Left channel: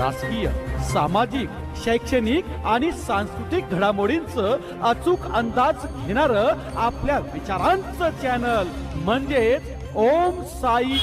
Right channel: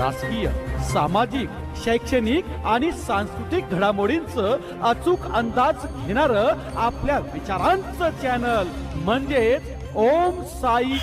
राजकीय, सामाजिक, शैक्षणिक आणि सांस्कृतिक घडामोडींचं अचूक अंदाज घेणारं आपल्या विचारांचं चॅनल म्हणजेच ओम साई.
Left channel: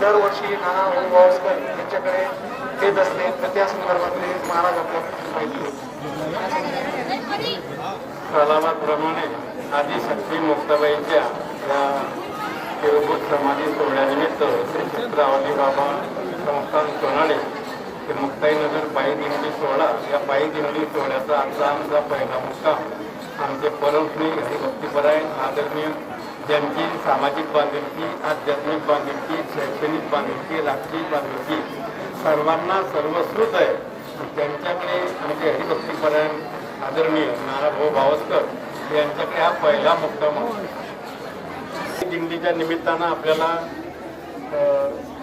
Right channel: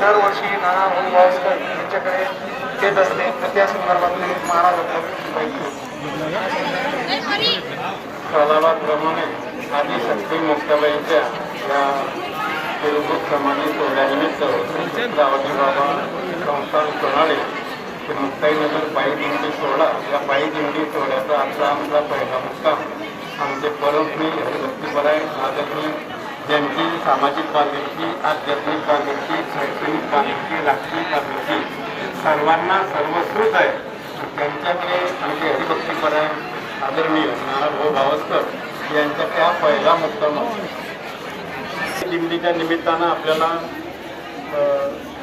दरवर्षी नाना गावस्कर यांच्याकडे देत असते तर त्या संदर्भात महाराज प्रमाणे आदी शक्ती मुक्ताबाईंच्या या तिरुभूत समाधी सोहळ्यानिमित्त श्री बाबा संस्थान सोनाळे ते मुक्ताईनगर पायी दिंडी सोहळा या पायी दिंडी सोहळ्याचा आजचा आमचा पहिला मुक्काम आमचे परमस्नेही हरिभक्तीपरायण आदरणीय ज्यांची सामाजिक बांधिलकी, आध्यात्मिक बांधिलकी, शैक्षणिक बांधिलकी, राजकीय बांधिलकी सर्वांना सर्वस्वीच आहे. त्यांच्याकडे म्हणजे हरिभक्तीपरायण आदरणीय नानाभाऊ गावस्कर यांच्याकडे हा पहिला मुक्काम आहे. दिंडीच्या निमित्तानं आपल्याला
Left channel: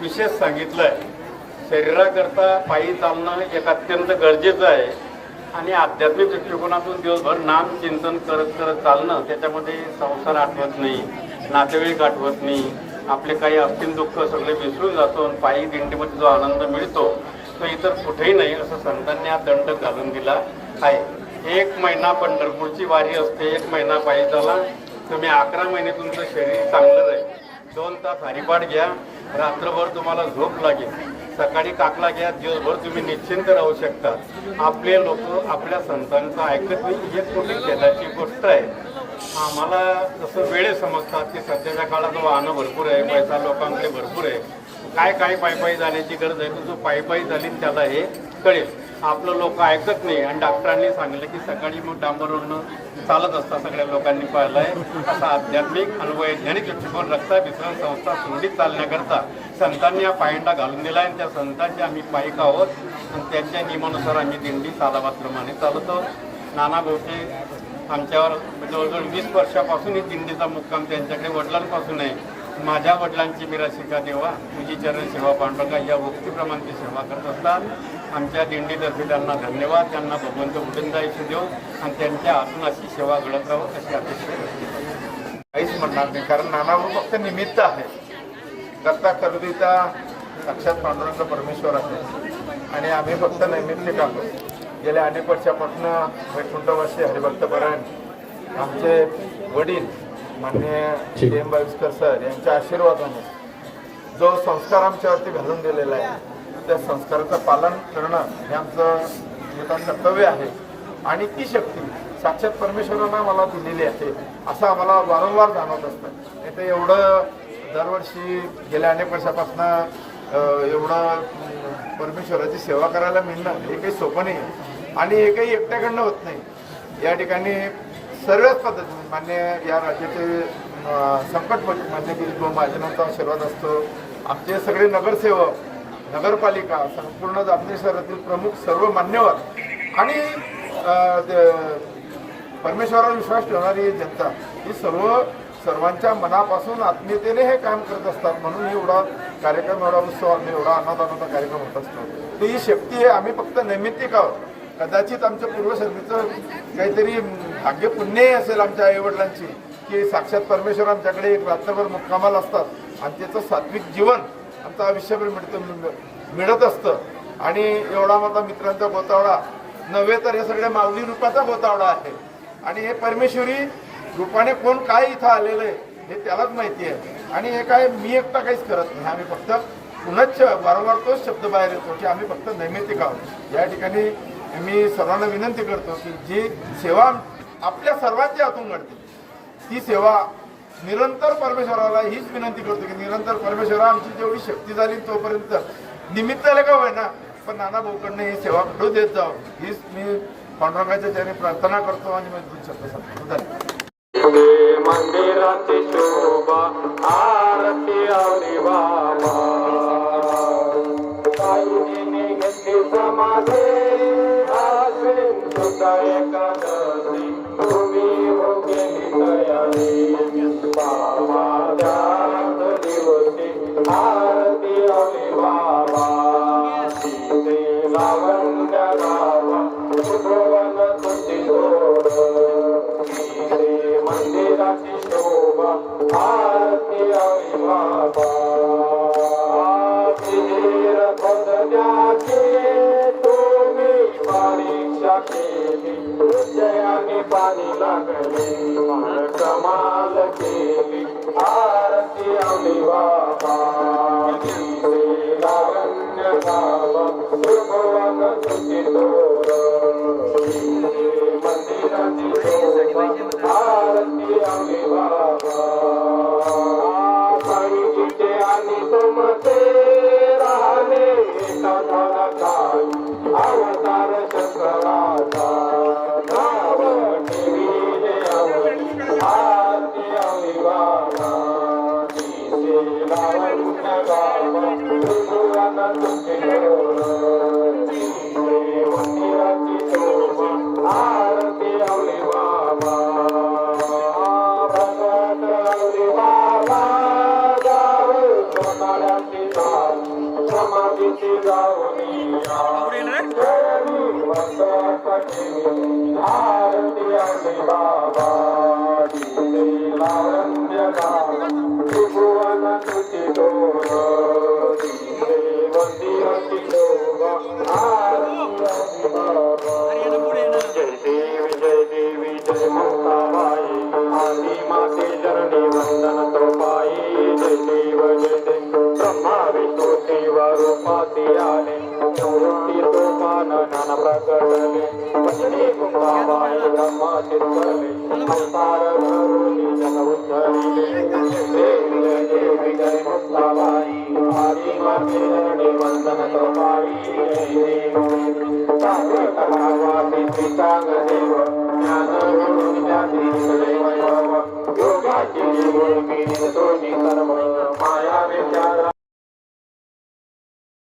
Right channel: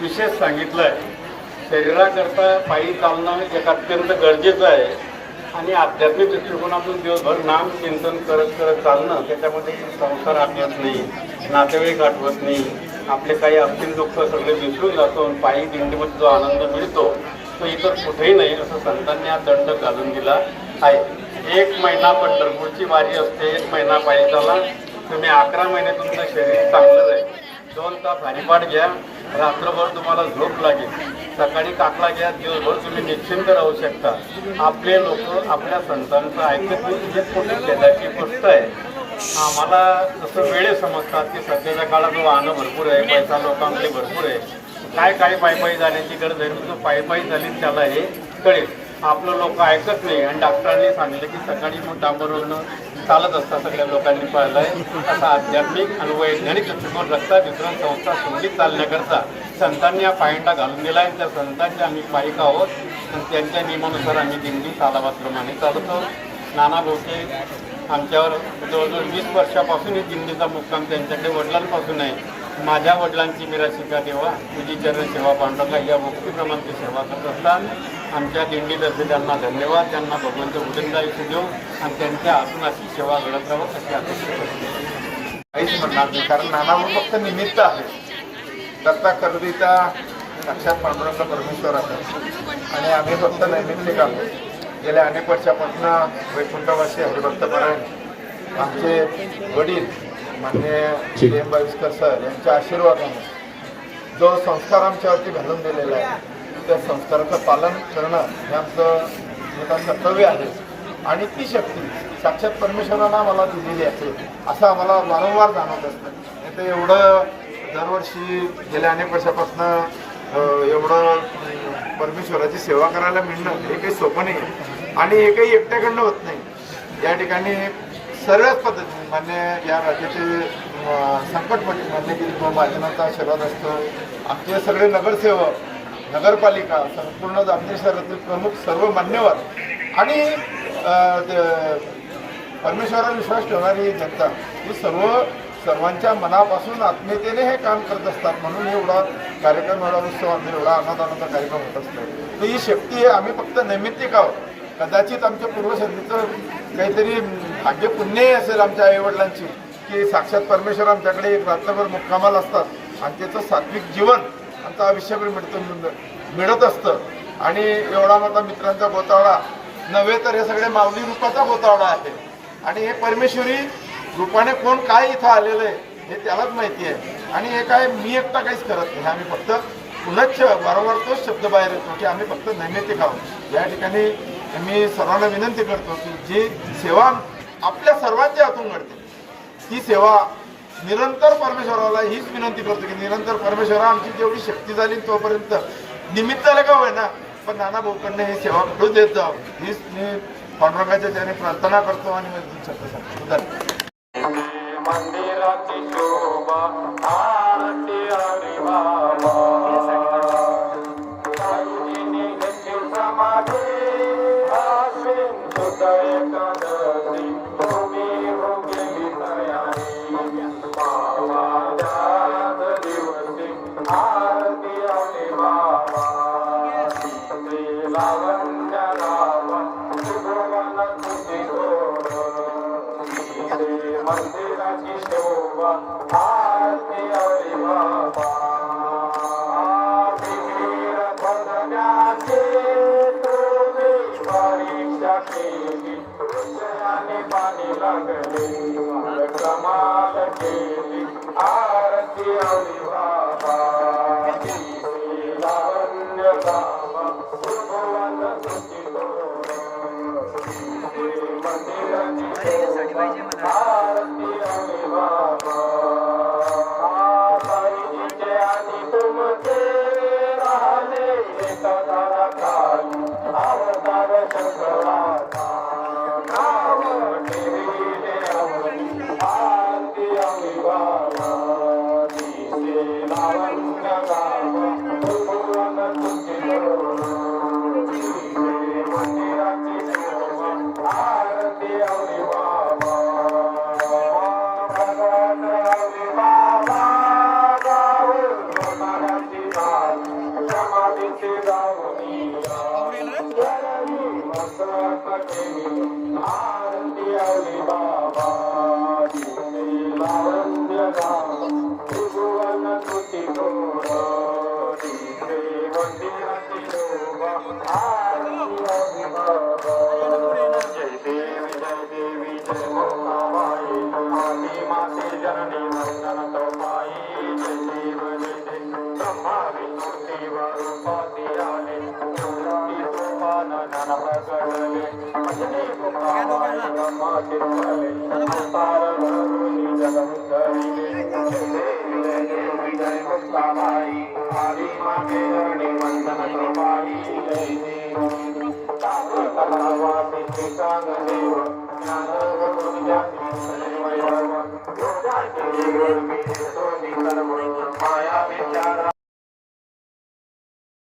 विशेष सांगितलं आहे. शरीराकरता पायी चालणं एक अत्यंत गरजेचं आहे आणि आध्यात्मिक दृष्टिकोनातून दिवसभर नाम चिंतन करत करत चालणं, त्याच्यामध्ये संसार आठवत नाही, नातेवाईक आठवत नाही, आपले काही असतील दुःख सगळे विसरून जातो. पायी दिंडीमध्ये जो आनंद मिळतो तो इतर कुठेही नाही, असं संतांनी हा दंड घालून दिला आहे. 1 महिना पंढरपूरची वारी असते, 1 महिना पायी चाला, तुम्ही 11 महिने तुमचं शरीर चांगलं राहील. 2 तास हरिपाठ घ्या, रात्रभर तुम्हाला झोप लागेल, सकाळी काकला घ्या, दिवसभर तुम्ही निश्चिंत राहू शकता. आपले लोक आपल्या संतांचं ऐकत नाही, जे कुठे केल्याची गोष्ट आहे. आम्हाला जसं वेळे समजतात की सध्याच्या काळात वाहनं भरपूर आहे, पैसा लोकांकडे भरपूर आहे, काय पायी जाण्याची गरज आहे, तो पायी झाली त्याला हे कळेल. आपलं लोक ऐकत नाही आणि डॉक्टरांनी सांगितलं की सकाळी मग डांबरवरनं चालत असतात. सगळ्या लोकांनी पाळलाय असा आध्यात्मिक आणि वैज्ञानिक दृष्टिकोन रस्ता वितरण संस्था सुरळीत चालण्याकरता संतांनी हा पायंडा घालून दिला आहे. त्या संतांचे आम्ही पायिक आहोत आणि त्यांच्या नियमानुसार आम्ही दिंडी तालावाप्रमाणे चालतो. नाना भाऊचे आमच्यावर जवळजवळ 20 वर्षापासून ही दिंडीचा मुक्काम त्यांच्याकडे वडिलांपासून आहे. माझ्या वडिलांची मिराशिका देवा, तुझी चरण सेवा पांडुरंगा या भक्तीप्रमाणे ते सेवा करत असतात. आमच्या दिंडीतर्फे त्यांना धन्यवाद. त्यांना भगवंत उदंड आयुष्य देऊ आणि त्यांच्या हातून अशी सेवा घडत राहावं अशी अपेक्षा करतो. काहीच म्हणणार नाही, कारण नानाभाऊ फक्त निमित्त आहे. करता करता साक्षात पांडुरंग परमेश्वर आहे आणि आम्ही फक्त नैमित्तिक आहोत. गेल्या अनेक वर्षापासून वैकुंठवासी हरिभक्तपरायण आमचे वडील माननीय CM बाविस्कर सर यांच्या आशीर्वादाने जो संस्कार आमच्यावरती घालून दिलेला आहे त्या संस्काराचं पालन करणं हे आमचं कर्तव्य आहे. आणि ती शक्ती साक्षात परमेश्वरानं मला दिलेली आहे असं आम्हाला वारंवार जाणवत असतं. तर एवढं दरवर्षी गेल्या अनेक वर्षापासून एवढं परमेश्वराची सेवा करायला मिळणं हे काही सोपं नाही आणि हे काही एकट्याकडनं होत नाही. या ठिकाणी सर्वच पद्धतीने मान्य या राज्याचे संकट मान्य केली महाजनांचा आशीर्वाद असतो. आमचे सगळे नगरसेवक, नगरपालिका, संपूर्ण जामनेर शहरातील प्रमुख सर्व मान्यवर आणि परमेश्वरावर विश्वास ठेवणारी जनता ही सर्वांच्या मनापासून आत्मीयतेने हे काम करत असतात. म्हणून एवढा कार्यक्रम, एवढा उत्सव, एवढा आनंदाचा कार्यक्रम होत असतो. तर ही शक्ती आहे. आम्ही फक्त नैमित्तिक आहोत. कदाचित आमच्या पूर्वसर्गीचं काहीतरी भाग्य पुण्य असेल आमच्या आईवडिलांची की साक्षात परमेश्वर आमच्याकडे एक रात्रभर मुक्कामाला असतात आणि त्याचं सात्विक जीवन आमचं आयुष्यभर मिळत असतं. आणि एवढा मोठा मित्रांचा गोतावळा नव्हे तर हे सगळे माऊली रूपाचा गोतावळा आहे. आणि हे परमेश्वरी रूपाने कोण काय इथं आलेलं आहे हे त्यालाच माहिती आहे. आणि हे काय मी एकटा काहीच करत नाही. आम्ही फक्त पुनश्च वारंवार तोच शब्द बाहेर येतो की आम्ही फक्त नैमित्तिक आहोत. या ठिकाणी मी सर्वांना विनंती करतो की जी सेवा आपल्या सर्वांच्या हातून घडते ती सेवा निरंतर परमेश्वराला हीच विनंती करतो की निरंतर परमेश्वरा आमची जेवढी शक्ती झाली तोपर्यंत निमित्ताला का होईना पण नाना भाऊकडनं ही सेवा घडू देत जावं हीच मी पांडुरंगाच्या चरणी प्रार्थना करतो आणि मी शब्द सांगतो. धन्यवाद. मंदिराची शोभा आरती आणि बाबा साईने घेतली समाधी आश्विन सुत एकादशी तुम्ही हो गेली तयारी बाबा त्याच दिवशी आरती आणि बाबा सीते लावण्यनाला त्रिभुवन तुझी जोड मंदिराची शोभा आरती आणि बाबा बदल्याची तुम्ही परीक्षा केली विजयाने पाणी लागले कमाल केली आरती आणि बाबा लावण्य बाबा त्रिभुवन तुझी जोड मंदिराची शोभा आरती आणि बाबा परिचिते आणि तुमचे राहिले सदर काही अवतार शंकराचा नाव ठेविले अवतार ब्रह्मा चित्तले अवतार धरुणी जग उद्धरिले देवी देवी जय मुक्ताई हरी वंदे आणि वंदन करताई जय देव कलावासी श्रीचांग देव